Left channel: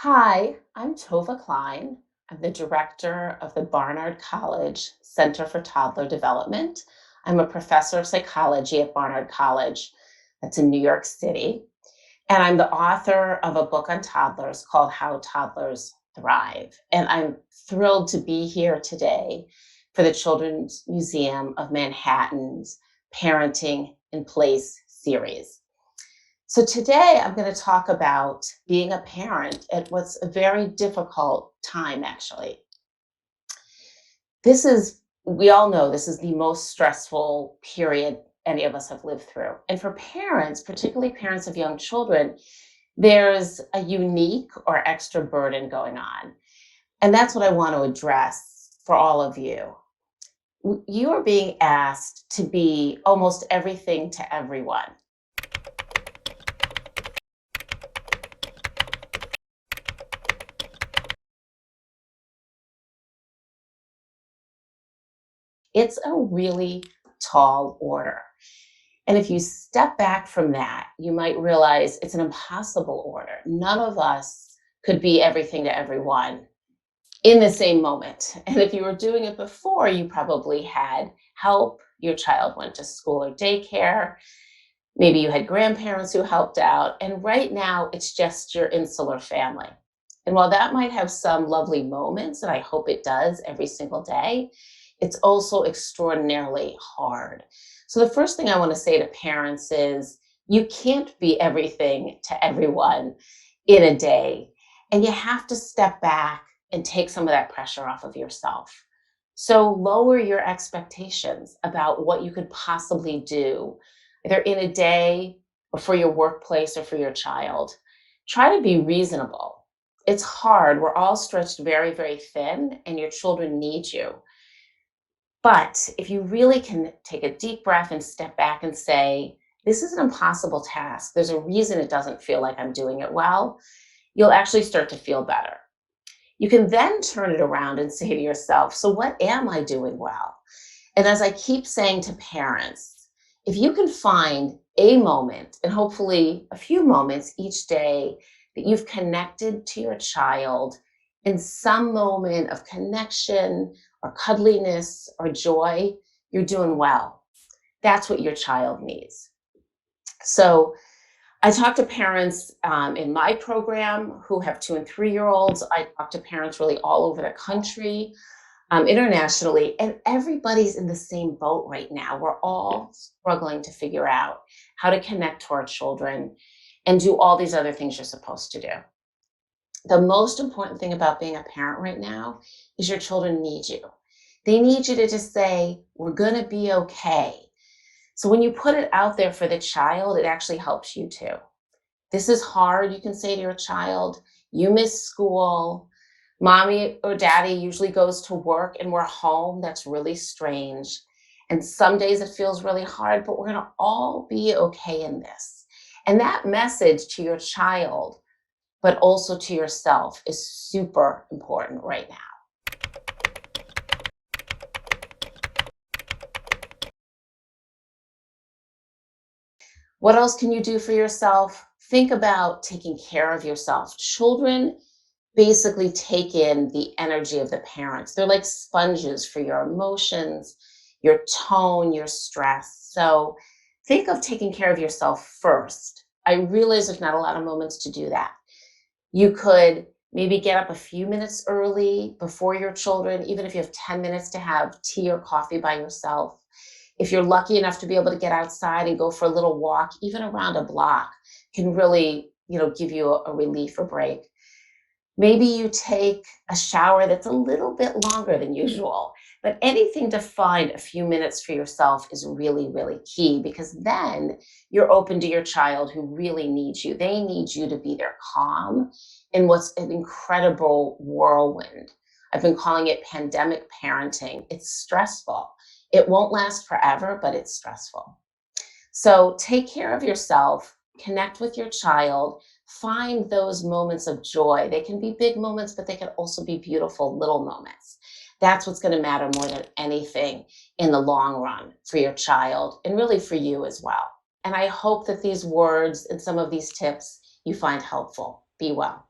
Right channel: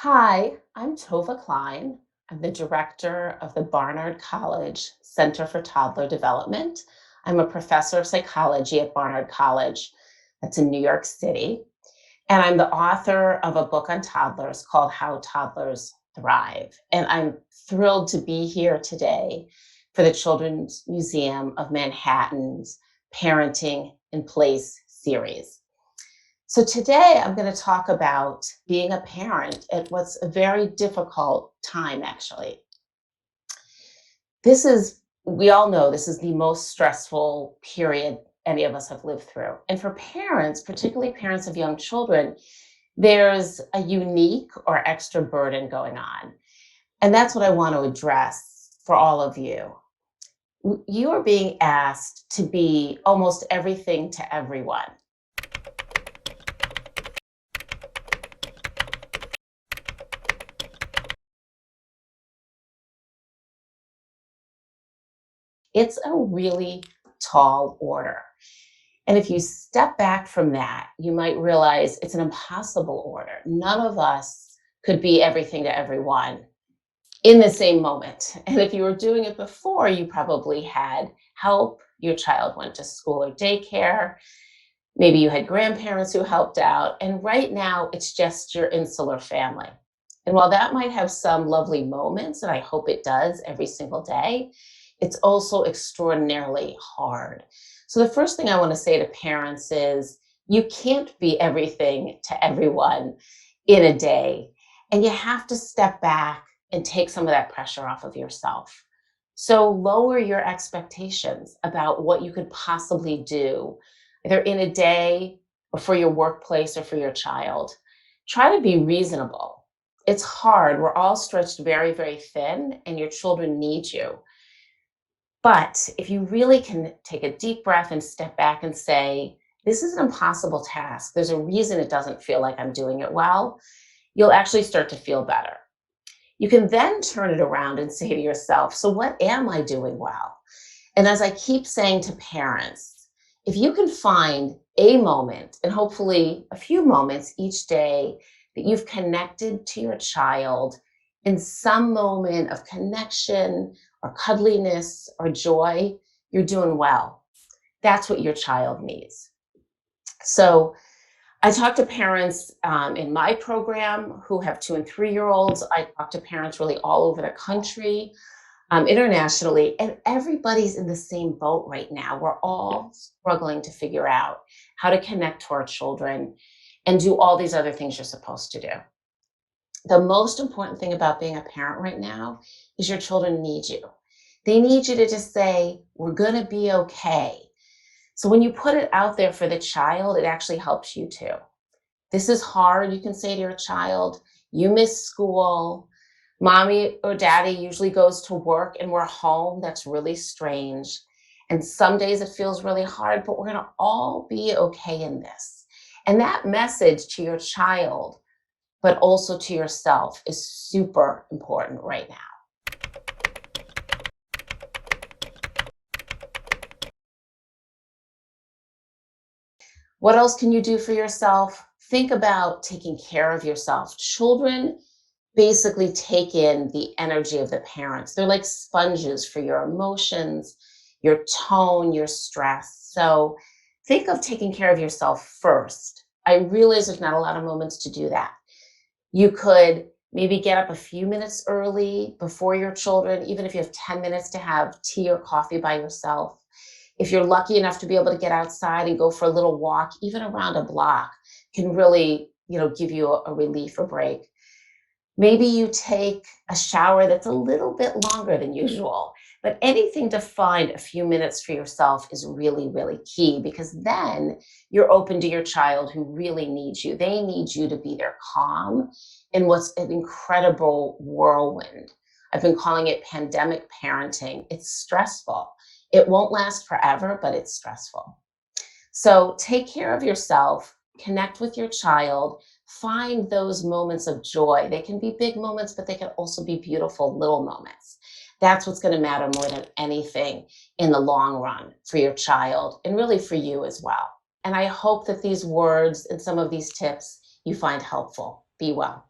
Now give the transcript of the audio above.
Hi, I'm Tovah Klein. I'm the director of the Barnard College Center for Toddler Development. I'm a professor of psychology at Barnard College, that's in New York City. And I'm the author of a book on toddlers called How Toddlers Thrive. And I'm thrilled to be here today for the Children's Museum of Manhattan's Parenting in Place series. So today I'm going to talk about being a parent at what's a very difficult time, actually. We all know this is the most stressful period any of us have lived through. And for parents, particularly parents of young children, there's a unique or extra burden going on. And that's what I want to address for all of you. You are being asked to be almost everything to everyone. It's a really tall order. And if you step back from that, you might realize it's an impossible order. None of us could be everything to everyone in the same moment. And if you were doing it before, you probably had help. Your child went to school or daycare. Maybe you had grandparents who helped out. And right now, it's just your insular family. And while that might have some lovely moments, and I hope it does every single day, it's also extraordinarily hard. So, the first thing I want to say to parents is you can't be everything to everyone in a day. And you have to step back and take some of that pressure off of yourself. So, lower your expectations about what you could possibly do, either in a day or for your workplace or for your child. Try to be reasonable. It's hard. We're all stretched very, very thin, and your children need you. But if you really can take a deep breath and step back and say, this is an impossible task, there's a reason it doesn't feel like I'm doing it well, you'll actually start to feel better. You can then turn it around and say to yourself, so what am I doing well? And as I keep saying to parents, if you can find a moment and hopefully a few moments each day that you've connected to your child in some moment of connection or cuddliness or joy, you're doing well. That's what your child needs. So I talk to parents in my program who have 2 and 3-year-olds. I talk to parents really all over the country, internationally, and everybody's in the same boat right now. We're all struggling to figure out how to connect to our children and do all these other things you're supposed to do. The most important thing about being a parent right now is your children need you. They need you to just say, we're going to be okay. So when you put it out there for the child, it actually helps you too. This is hard, you can say to your child. You miss school. Mommy or daddy usually goes to work and we're home. That's really strange. And some days it feels really hard, but we're going to all be okay in this. And that message to your child, but also to yourself, is super important right now. What else can you do for yourself? Think about taking care of yourself. Children basically take in the energy of the parents. They're like sponges for your emotions, your tone, your stress. So think of taking care of yourself first. I realize there's not a lot of moments to do that. You could maybe get up a few minutes early before your children, even if you have 10 minutes to have tea or coffee by yourself. If you're lucky enough to be able to get outside and go for a little walk, even around a block, can really, give you a relief or break. Maybe you take a shower that's a little bit longer than usual, but anything to find a few minutes for yourself is really, really key, because then you're open to your child who really needs you. They need you to be their calm in what's an incredible whirlwind. I've been calling it pandemic parenting. It's stressful. It won't last forever, but it's stressful. So take care of yourself, connect with your child, find those moments of joy. They can be big moments, but they can also be beautiful little moments. That's what's going to matter more than anything in the long run for your child and really for you as well. And I hope that these words and some of these tips you find helpful. Be well.